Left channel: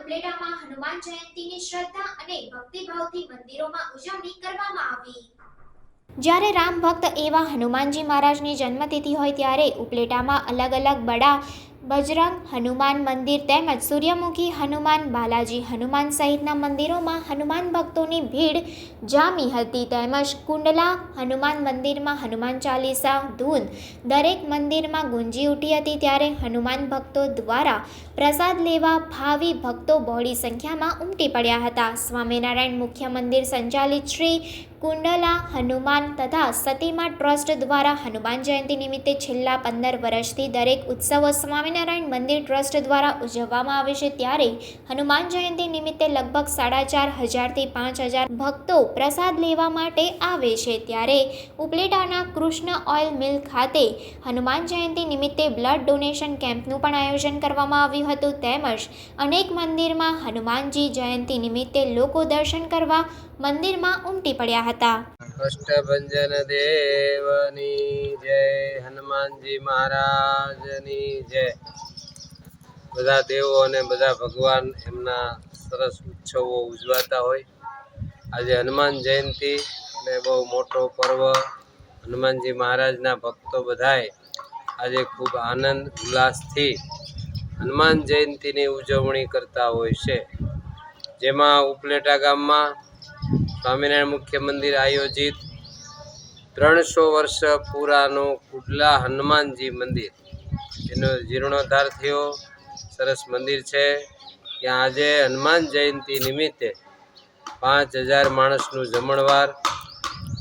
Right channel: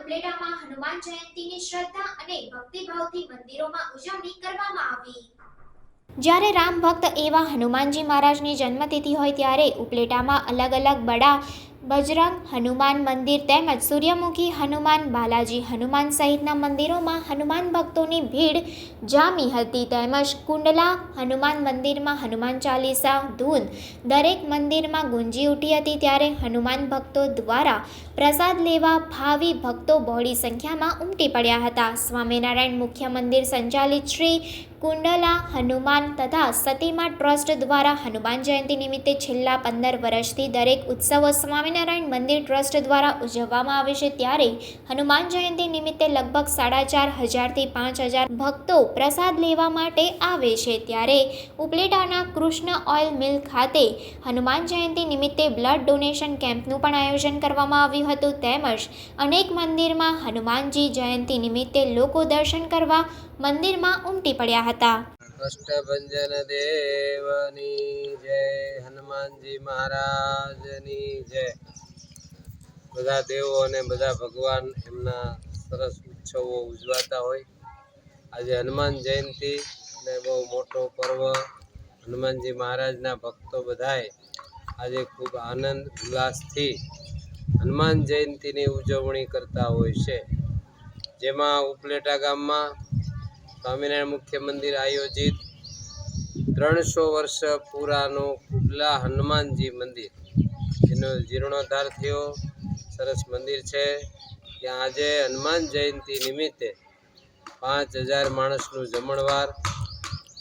ઉપલેટામાં હનુમાન જયંતીની શ્રદ્ધા અને ભક્તિભાવથી મંદિરોમાં ઉજવણી કરવામાં આવી. જ્યારે રામ ભક્ત એવા હનુમાનજી મહારાજની જન્મતિથિ હોય ત્યારે ઉપલેટામાં અલગ અલગ બડા બજરંગ હનુમાન મંદિર તેમજ સૂર્યમુખી હનુમાન, બાલાજી હનુમાન સહિતના મંદિરોમાં હનુમાન ભક્તોની ભીડ જામી હતી. તેમજ કુંડલા હનુમાન મંદિરમાં હનુમાન ચાલીસા, ધૂન દરેક મંદિરમાં ગુંજી ઉઠી હતી ત્યારે હનુમાન ભક્તો દ્વારા પ્રસાદ લેવા ભાવિ ભક્તો બહોળી સંખ્યામાં ઉમટી પડ્યા હતા. સ્વામિનારાયણ મુખ્ય મંદિર સંચાલિત શ્રી કુંડલા, હનુમાન તથા સતીમા ટ્રસ્ટ દ્વારા હનુમાન જયંતિ નિમિત્તે છેલ્લા પંદર વર્ષથી દરેક ઉત્સવો સ્વામિનારાયણ મંદિર ટ્રસ્ટ દ્વારા ઉજવવામાં આવે છે. ત્યારે હનુમાન જયંતિ નિમિત્તે લગભગ સાડા ચાર હજારથી પાંચ હજાર ભક્તો પ્રસાદ લેવા માટે આવે છે. ત્યારે ઉપલેટાના કૃષ્ણ ઓઇલ મિલ ખાતે હનુમાન જયંતિ નિમિત્તે બ્લડ ડોનેશન કેમ્પનું પણ આયોજન કરવામાં આવ્યું હતું. તેમજ અનેક મંદિરમાં હનુમાનજી જયંતિ નિમિત્તે લોકો દર્શન કરવા મંદિરમાં ઉમટી પડ્યા હતા. કષ્ટભંજન દેવની જય, હનુમાનજી મહારાજની જય. બધા દેવો અને બધા ભગવાન એમના સરસ ઉત્સવો ઉજવાતા હોય. આજે હનુમાન જયંતિ ને બહુ મોટો પર્વ. હનુમાનજી મહારાજના ભક્તો બધાએ આજે ખૂબ આનંદ, ઉલ્લાસથી હનુમાન જયંતિની ઉજવણી કરતા હોય છે. જેમાં ઉપલેટા ગામમાં સ્વામિનારાયણ મુખ્ય મંદિર આયોજિત ત્રણસો વર્ષ પુરાનું કુડલા હનુમાનજી મંદિર. એનો જીર્ણોદ્ધાર થયો. સરસ મંદિર છે. ત્યાં આજે હનુમાન જયંતિ નિમિત્તે પાંચ હજાર માણસનું જમણવાર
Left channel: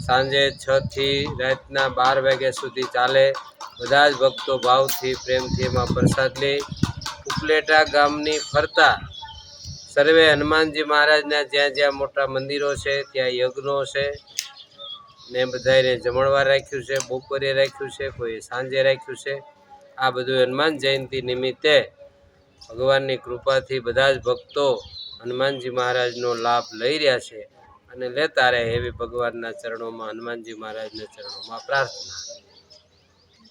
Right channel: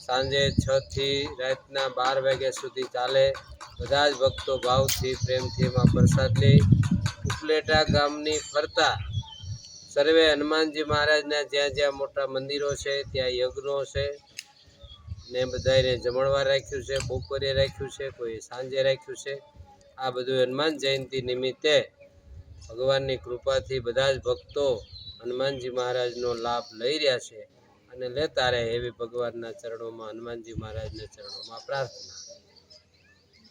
સાંજે છથી રાતના બાર વાગ્યા સુધી ચાલે. બધા જ ભક્તો ભાવથી પ્રેમથી એમાં પ્રસાદ લે. ઉપલેટા ગામની ફરતા સર્વે હનુમાનજી મહારાજના જ્યાં જ્યાં મોટા મંદિરો છે, ત્યાં યજ્ઞો છે. ને બધાને જમણવાર રાખ્યું છે, બપોરે રાખ્યું છે, કોઈ સાંજે રાખ્યું છે. આ બધું હનુમાન જયંતિ નિમિત્તે ભગવાનની કૃપાથી બધા જ ભક્તો હનુમાનજી મહારાજનો લાભ લઈ રહ્યા છે અને લેતા રહે એવી ભગવાનના ચરણોમાં, હનુમાનજી મહારાજના ચરણોમાં પ્રાર્થના.